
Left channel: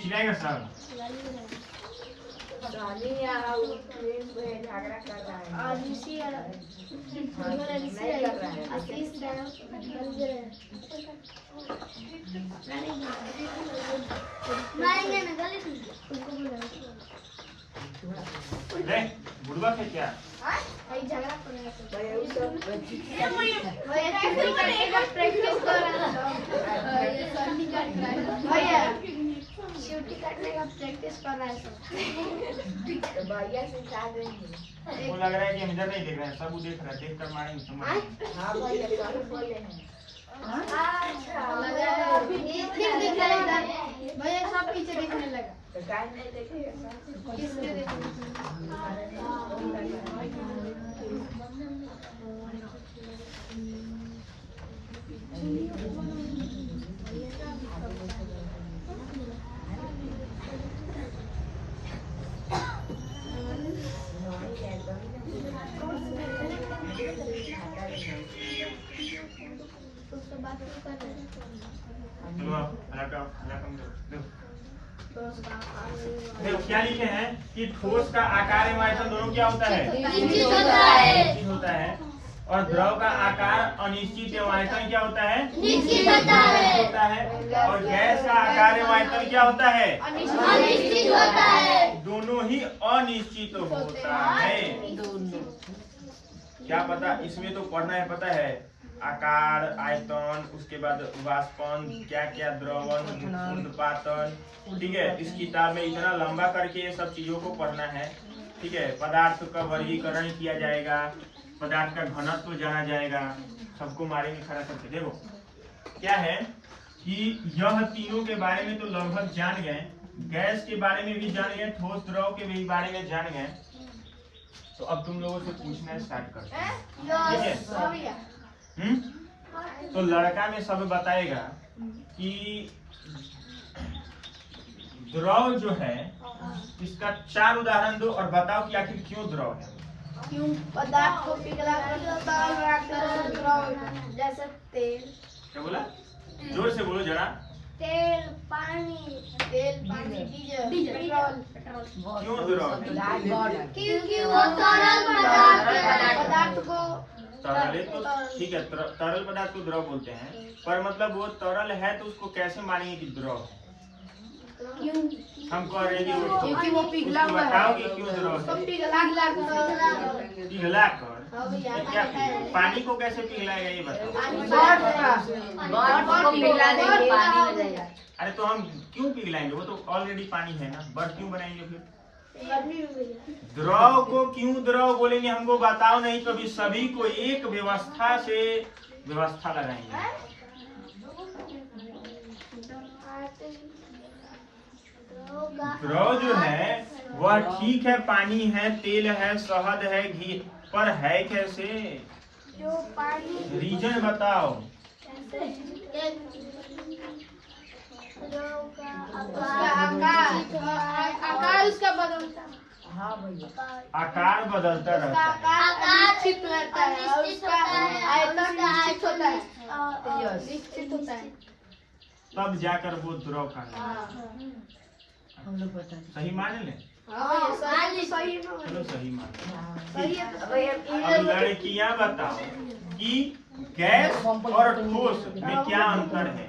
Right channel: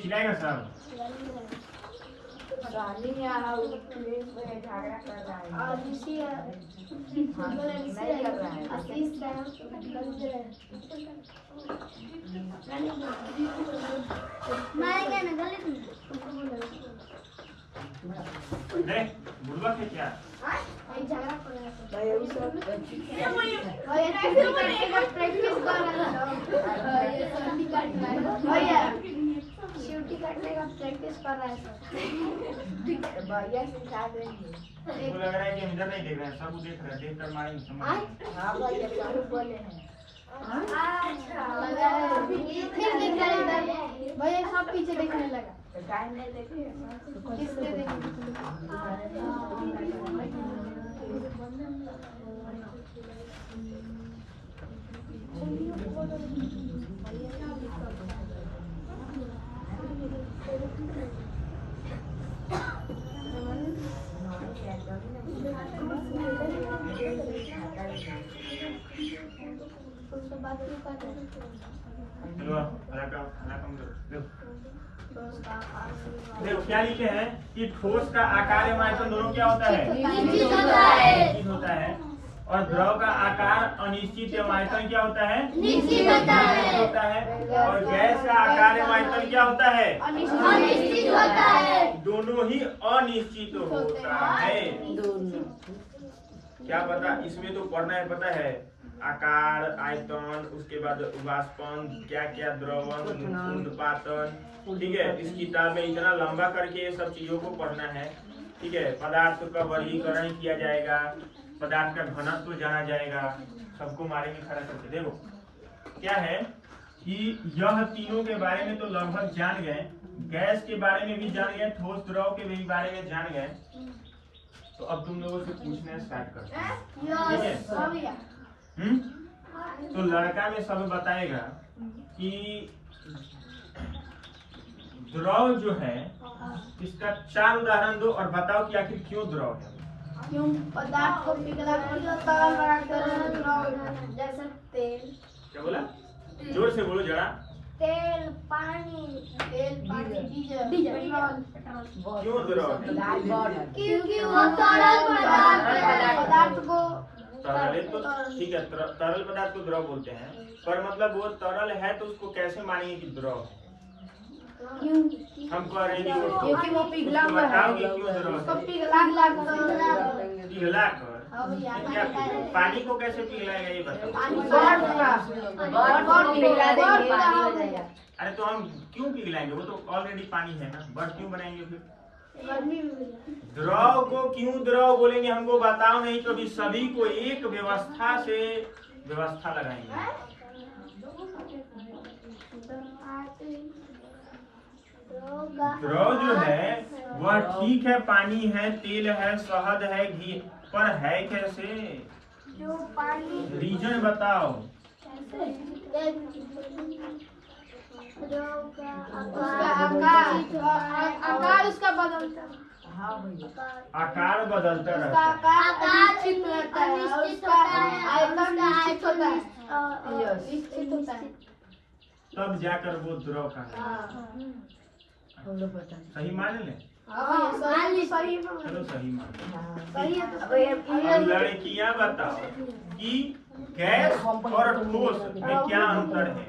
चिल्लाएगा साहब। बुढ़वा के क्या शिवटी काटने का प्रैक्टिस कर रहा है भैया सिखा देंगे। वो लग रहा है कि हम इधर नहीं देख रहे हैं, सब वो देख रहे हैं, देख कर मारेंगे समझ। हाँ भैया बोले हैं। अच्छा लगा है फिर देख रहा है इधर भैया सब पीछे देखने लगा तो काहे नहीं देखेगा किसके देखेगा। क्या लिखे हैं कि ठोस का आकार एवं आयतन दोनों क्या होता है? निश्चित होता है। और द्रव का आकार अनिश्चित एवं आयतन क्या होता है? निश्चित होता है। और गैस का आकार एवं आयतन क्या होता है? अनिश्चित होता है। दोनों ही अनिश्चित होता है। क्या पता इसमें तो पढ़ना है, पता है आकार, आयतन, उसके बाद वाष्पन, क्या क्या द्रवन, कुंडपातन। ठीक है, इस किताब में इतना लंबा करके ये सब चीजों को पढ़ना है। ठीक है, पदार्थ का वर्गीकरण किया जाएगा, पदार्थ का घनत्व जाना जाएगा, सबको मारे में खड़ा करके। देखो क्या है कि यह तीनों के बारे में तो लगभग जान गए, गैस के बारे में भी जान गए, ठोस द्रव के भी बारे में जान गए। तो अब तुम लोगों से पूछना स्टार्ट करते हैं। ठीक है, तो लड़का में सब बताएगा कि द्रव जो है इसका 4 उदाहरण दो और बताओ कि आखिर क्यों द्रव है। क्यों पदार्थ को पिघला जैसे तेल। क्या बोला? जोर से बोलो जरा। तेल, पानी, डीजल, पेट्रोल। क्यों द्रव है? क्योंकि वो तरल पदार्थ को तरल है तो ठीक है, तरल पदार्थ को द्रव बोलते हैं, पर मतलब वो तरल है तो उसको कैसे मानेंगे कि द्रव है? हम कह रहे हैं क्योंकि वो पिघला हुआ है। क्यों द्रव है? पिघला कर क्या पानी को कैसे पिघलाएगा ये बताओ। अरे तो हम क्यों पिघलाएंगे, वो तो ऑलरेडी पानी है ना, बर्फ क्यों बनाएंगे फिर? द्रव को क्यों द्रव बोलेंगे हमको बताओ नहीं, कभी सभी को एक व्यवस्था से व्यवस्था लगाएंगे। द्रव जो है वह ठीक है, पानी है, तेल है, शहद है, घी, पर है कैसे? जो पानी रीजन बताओ। आकार उसका बदलता है। आकार बदलता रहता है, अनिश्चित रहता है, उसका आयतन निश्चित होता है, निश्चित होता है, तब जाकर वो द्रव का हम लोग बता सही मान ले। सही चलो सही मान सही है। अब लड़कियां बताओ कि गैस और ठोस में क्या अंतर है?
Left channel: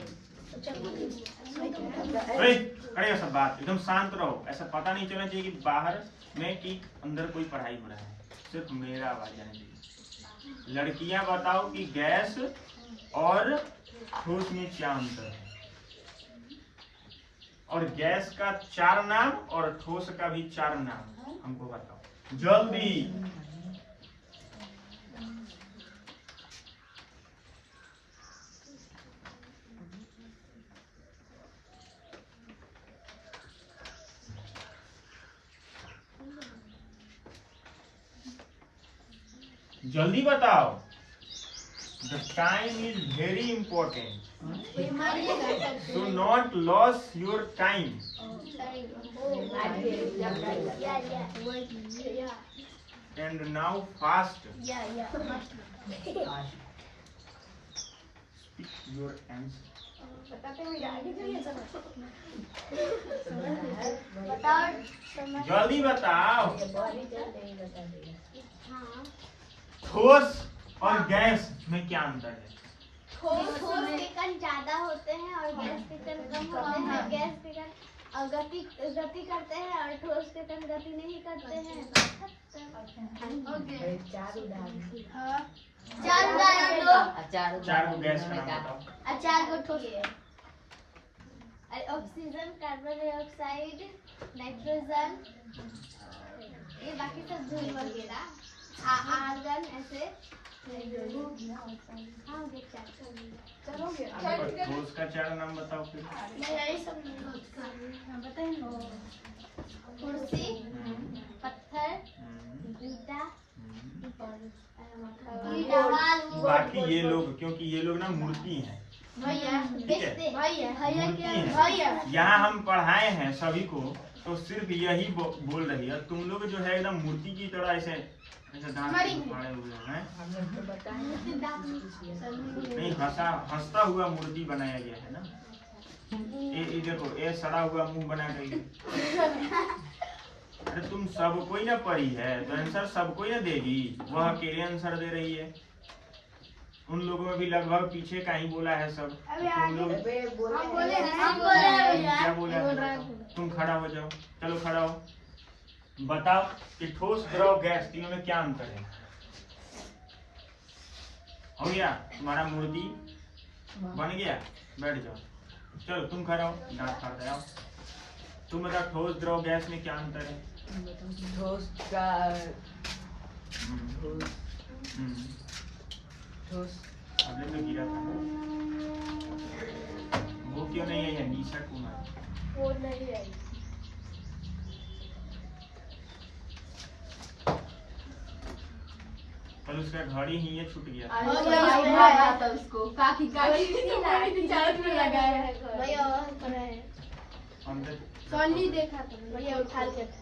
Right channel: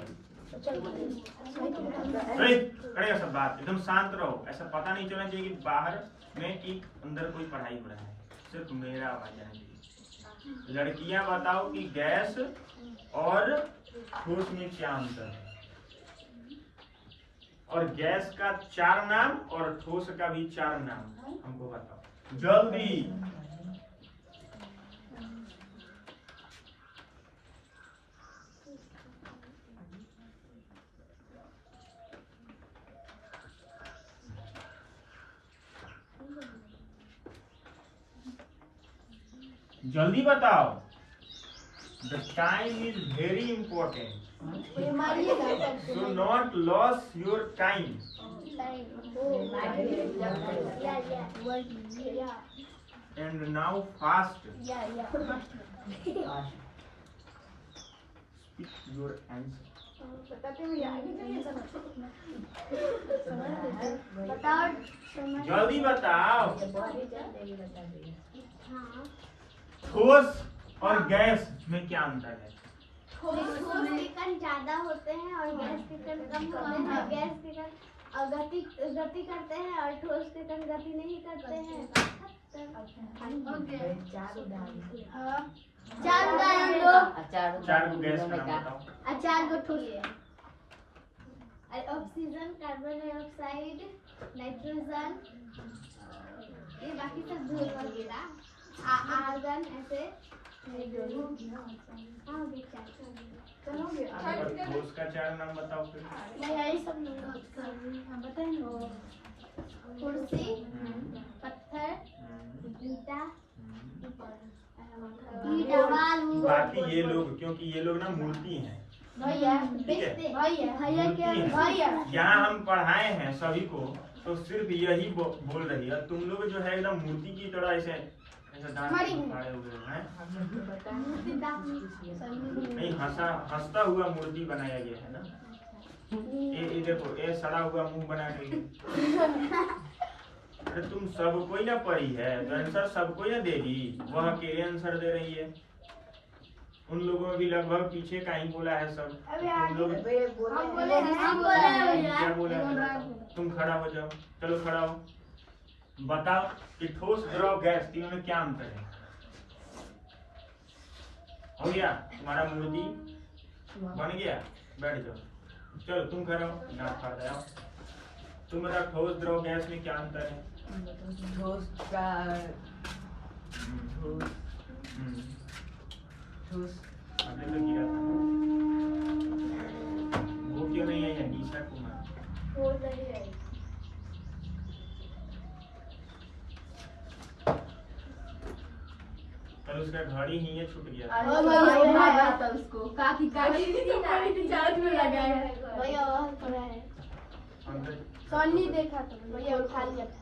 करेगा सब बात, एकदम शांत रहो, ऐसा पता नहीं चलना चाहिए कि बाहर में कि अंदर कोई पढ़ाई हो रहा है, सिर्फ मेरा आवाज आना चाहिए। लड़कियां बताओ कि गैस और ठोस में क्या अंतर है, और गैस का 4 नाम और ठोस का भी 4 नाम हमको बताओ जल्दी। जल्दी बताओ, the time is very important, do not loss your time. And now fast speak your answer. जल्दी बताओ, ठोस और गैस में क्या अंतर है? ठोस के कण ज्यादा होते हैं और गैस के कण कम होते हैं। गैस के कण गति करते हैं और ठोस के कण गति नहीं करते हैं। 4 उदाहरण दो। 4 को गैस का नाम बताओ। 4 को ठोस। ऑक्सीजन, कार्बन डाइऑक्साइड, नाइट्रोजन, ये बाकी सब धूल वगैरह, आर्गन, ऐसे ठोस का 4 नाम बताओ फिर। कुर्सी, पत्थर, ईटा, बाकी ये लोग, क्योंकि ये लोग ना मूर्ति हैं, यहाँ हम पढ़ाए हैं सभी को, तो सिर्फ यही बोल रही है। तुम लोग जो है एकदम मूर्ति की तरह ऐसे फाड़े हुए हैं, नहीं हंसता हुआ मूर्ति बनाया गया है ना। ये देखो, ये सड़ा हुआ मुंह बना के। अरे तुम सब कोई ना पढ़ी है तो आंसर सब कोई ना देगी, वह अकेले आंसर दे रही है। उन लोगों में भी लगभग पीछे का ही बोला है सब। तुम लोग क्या बोला है? तुम खड़ा हो जाओ, चलो खड़ा हो, बताओ कि ठोस, द्रव, गैस तीनों में क्या अंतर है? हो गया तुम्हारा मूर्ति बन गया, बैठ जाओ। चलो तुम खड़ा हो, दांत फाड़ जाओ। तुम बताओ ठोस, द्रव, गैस में क्या अंतर है? ठोस का ठोस हमने तो गिरा था, वो क्यों नहीं आई? निशा कुमार वो नहीं आई। कल उसका घड़ी ही ये छूट गया। उसको काफी सोनी देखा तो भैया उठा लिया था।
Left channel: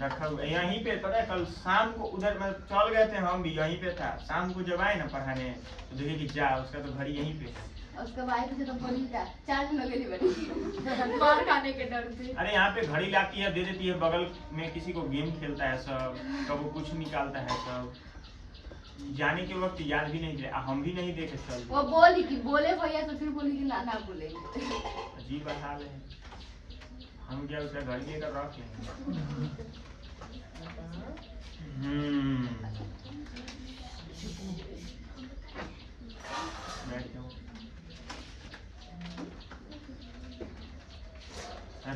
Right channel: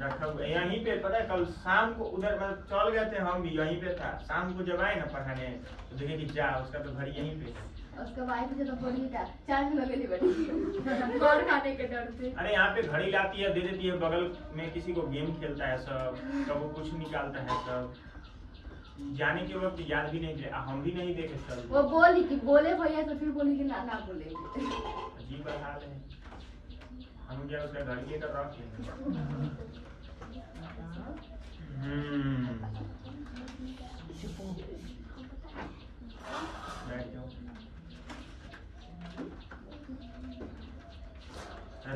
रखा हुआ यहीं पे, पता है कल शाम को उधर मतलब चल गए थे, हम भी यहीं पे था। शाम को जब आए ना पढ़ाने तो देखे कि जा उसका तो घड़ी यहीं पे है। उसका वाइफ से तो बोली था 4 दिन के लिए बनी मार खाने के डर से। अरे यहाँ पे घड़ी लाती है, दे देती है, बगल में किसी को गेम खेलता है सब, कब वो कुछ निकालता है सब। जाने के वक्त याद भी नहीं दिया, हम भी नहीं देखे चल। वो बोली कि बोले भैया, तो फिर बोली कि ना बोले। अजीब हाल है, हम क्या उसका घर लेकर रख लेंगे। बैठ जाओ।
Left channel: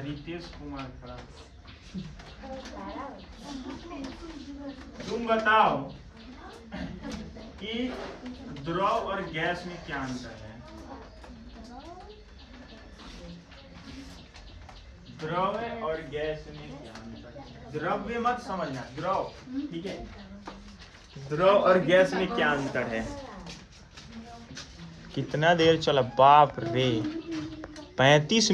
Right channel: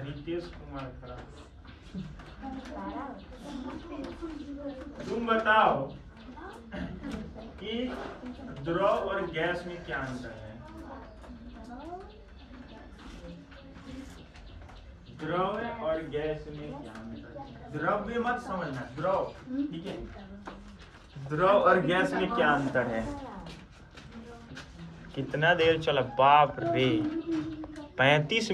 रितेश कुमार खड़ा। तुम बताओ कि द्रव और गैस में क्या अंतर है? द्रव और गैस में क्या अंतर है? द्रव्य मत समझना, द्रव, ठीक है। द्रव और गैस में क्या अंतर है? कितना देर चला, बाप रे, 35 मिनट।